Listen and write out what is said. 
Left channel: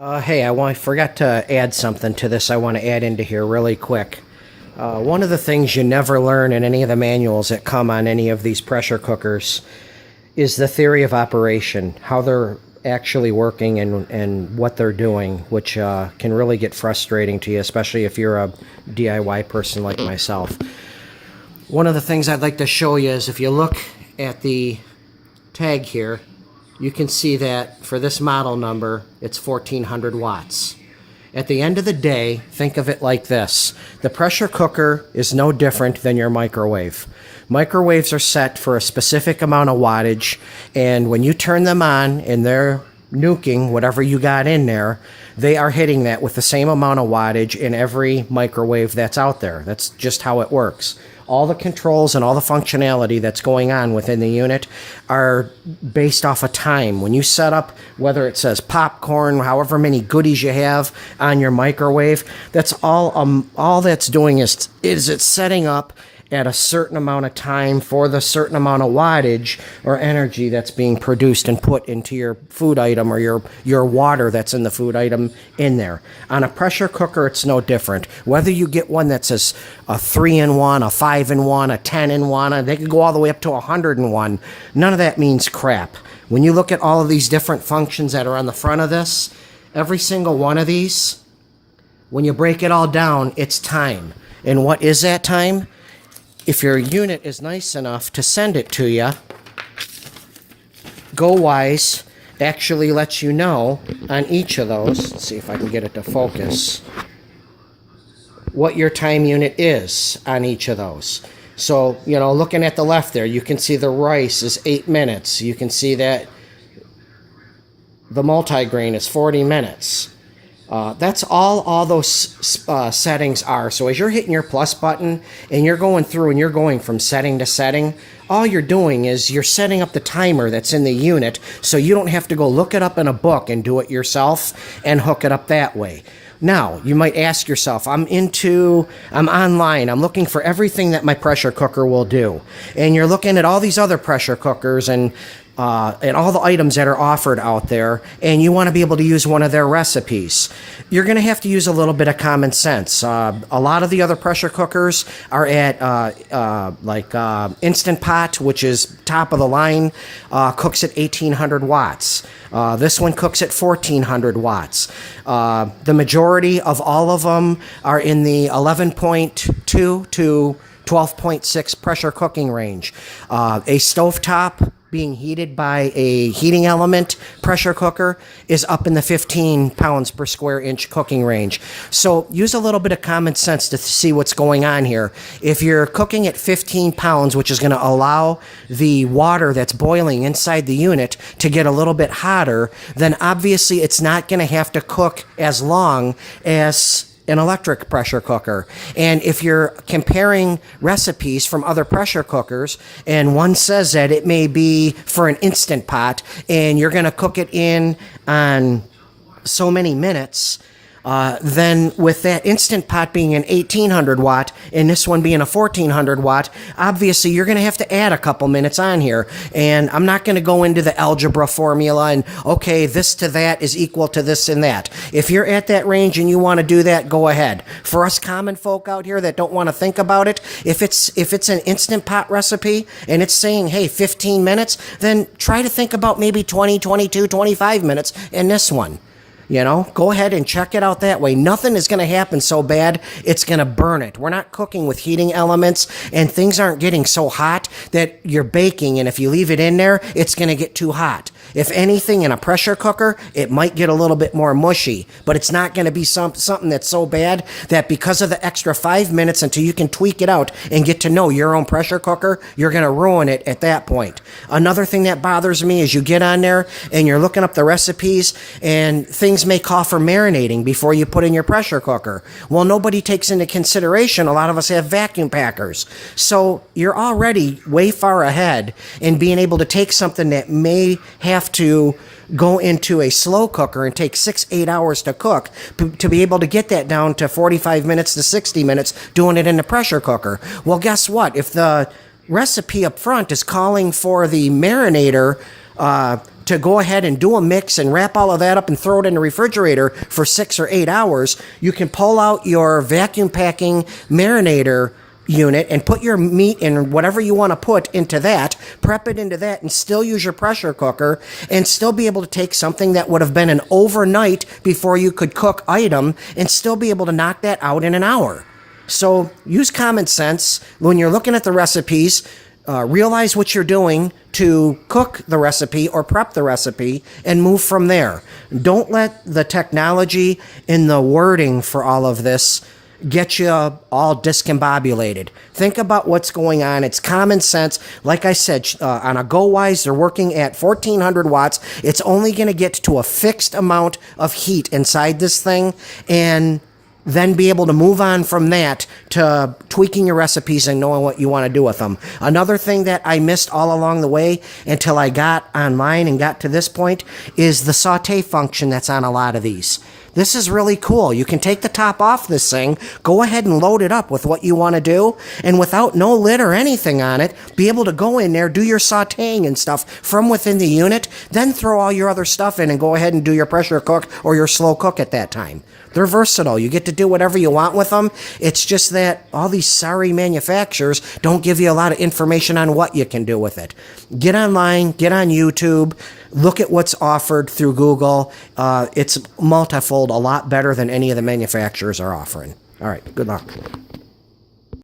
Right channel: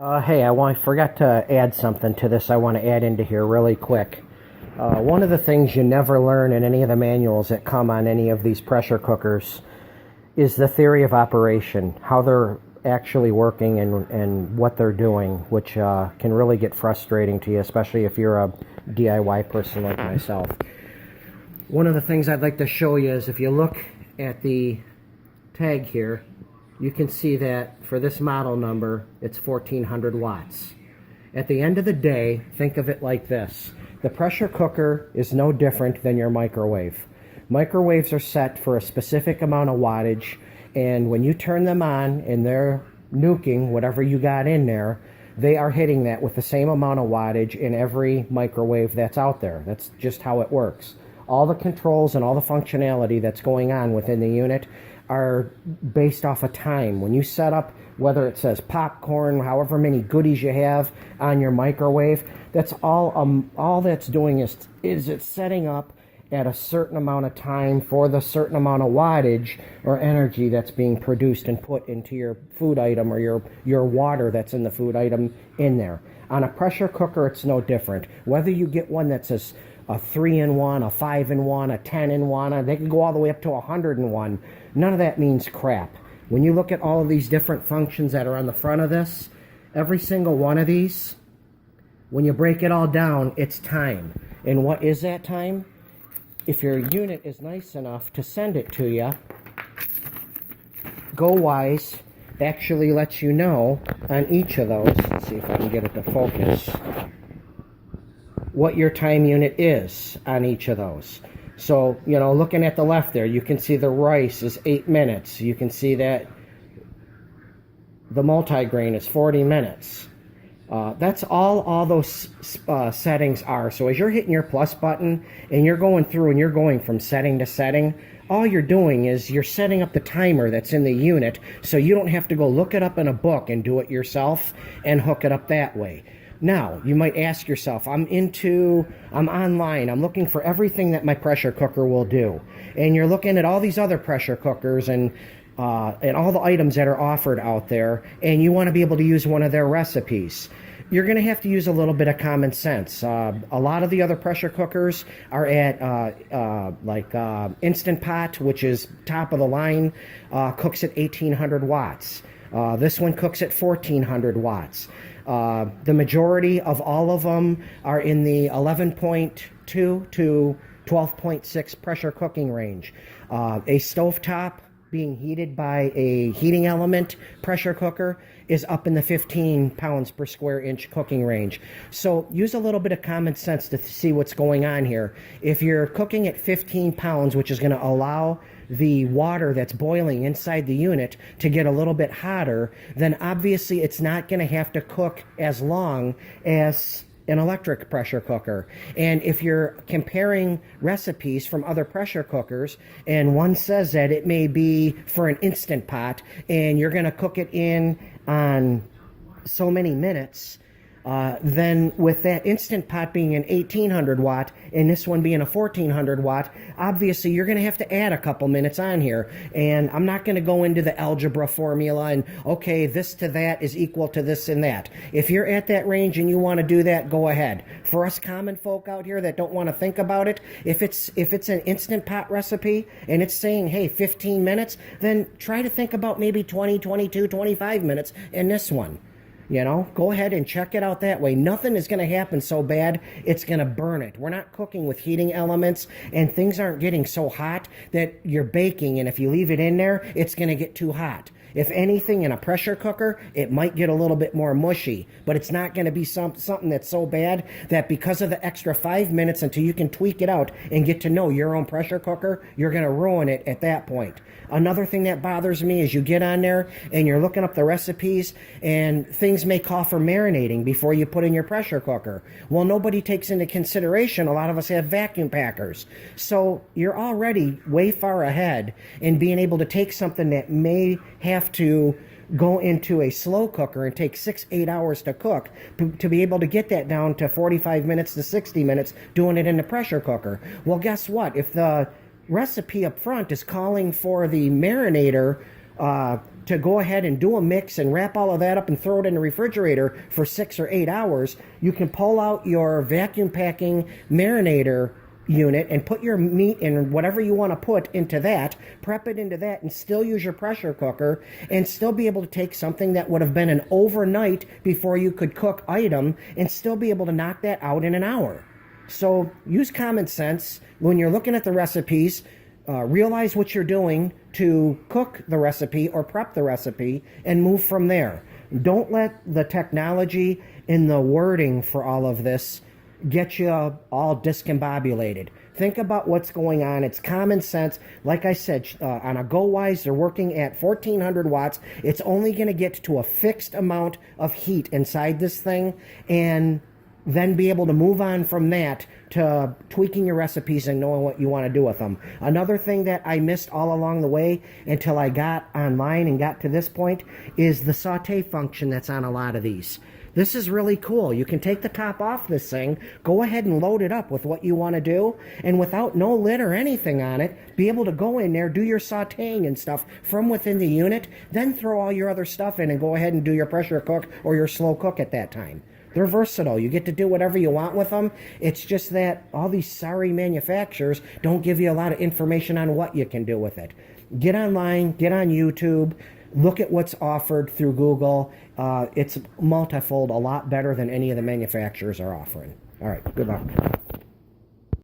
Hey, forgot to add something to this I want to add into here really quick. One of the things you never learn in any of the manuals that come on any of these pressure cookers is the theory of operation, how they're actually working and what they're doing, which can really get frustrating to you, especially if you're a DIY person like myself. One of the things I'd like to show you is if you look at the tag here, you can see that for this model number, it's 1400 watts. At the end of the day, think of it like this. The pressure cooker is no different than your microwave. Microwaves are set for a specific amount of wattage, and when you turn them on and they're nuking whatever you got in there, they are hitting that with the same amount of wattage in every microwave that's out there. That's just how it works. All the controls and all the functionality that's going on within the unit are based off of time. When you set up, whether it says popcorn, however many goodies you have on your microwave, that's all that's doing is it's setting up at a certain amount of time for the certain amount of wattage or energy that's being produced and put into your food item or your water that's in the food item in there. On a pressure cooker, it's no different. Whether you get one that says a 3-in-1, a 5-in-1, a 10-in-1, they could go all the way up to 100-in-1. None of that means crap. When you look at all of these different functions that are on the front of this, every single one of these, when you break it all down, it's time. And what is that time? If your unit is nice enough to send it to you, GoWise actually lets you know on each of those, let's see if I can get it to focus, what your time unit is on each of those. So, looking at the left there, you can see the rice is 8 minutes. You can see that the multigrain is 40 minutes. That's all those settings are. So as you're hitting your plus button and you're going through and you're going from setting to setting, all you're doing is you're setting up the timer that's in the unit so you don't have to go look it up in a book and do it yourself and hook it up that way. Now, you might ask yourself, I'm online, I'm looking for everything that my pressure cooker will do. And you're looking at all these other pressure cookers and all the items that are offered out there, and you want to be able to use one of their recipes. You're going to have to use a little bit of common sense. A lot of the other pressure cookers are at Instant Pot, which is top of the line, cooks at 1800 watts. This one cooks at 1400 watts. The majority of all of them are in the 11.2 to 12.6 pressure cooking range. A stovetop being heated by a heating element pressure cooker is up in the 15 pounds per square inch cooking range. So use a little bit of common sense to see what's going on here. If you're cooking at 15 pounds, which is going to allow the water that's boiling inside the unit to get a little bit hotter, then obviously it's not going to have to cook as long as an electric pressure cooker. And if you're comparing recipes from other pressure cookers and one says that it may be for an Instant Pot and you're going to cook it in on so many minutes, then with that Instant Pot being an 1800 watt and this one being a 1400 watt, obviously you're going to have to add a couple minutes on here. And I'm not going to go into the algebra formula and, okay, this to that is equal to this and that. If you're at that range and you want to do that, go ahead. For us common folk out here that don't want to think about it, if it's an Instant Pot recipe and it's saying, hey, 15 minutes, then try to think about maybe 20, 22, 25 minutes in this one. Go ahead and check it out that way. Nothing is going to happen so bad, it's going to burn it. We're not cooking with heating elements, and things aren't getting so hot that you're baking, and if you leave it in there, it's going to get too hot. If anything, in a pressure cooker, it might get a little bit more mushy, but it's not going to be something that's so bad that because of the extra 5 minutes until you can tweak it out and get to know your own pressure cooker, you're going to ruin it at that point. Another thing that bothers me is you get on there and you're looking up the recipes and things may call for marinating before you put in your pressure cooker. Well, nobody takes into consideration a lot of us have vacuum packers. So you're already way far ahead in being able to take something that may have to go into a slow cooker and take 6-8 hours to cook to be able to get that down to 45 minutes to 60 minutes doing it in the pressure cooker. Well, guess what? If the recipe up front is calling for the marinator to go ahead and do a mix and wrap all of that up and throw it in the refrigerator for 6 or 8 hours, you can pull out your vacuum packing marinator unit and put your meat and whatever you want to put into that, prep it into that, and still use your pressure cooker and still be able to take something that would have been an overnight before you could cook item and still be able to knock that out in an hour. So use common sense when you're looking at the recipes. Realize what you're doing to cook the recipe or prep the recipe and move from there. Don't let the technology and the wording for all of this get you all discombobulated. Think about what's going on. It's common sense. Like I said, on a GoWise, they're working at 1400 watts. It's only going to get to a fixed amount of heat inside this thing, and then be able to move on from that to tweaking your recipes and knowing what you want to do with them. Another thing that I missed all along the way until I got online and got to this point is the saute function that's on a lot of these. This is really cool. You can take the top off this thing, go ahead and load it up with what you want to do, and without no lid or anything on it, be able to go in there, do your sauteing and stuff from within the unit, then throw all your other stuff in and go ahead and do your pressure cook or your slow cook at that time. They're versatile. You get to do whatever you want with them. It's just that all these sorry manufacturers don't give you a lot of information on what you can do with it. Get online, get on YouTube, look at what's offered through Google. It's multifold, a lot better than any of the manufacturers are offering. All right, good luck.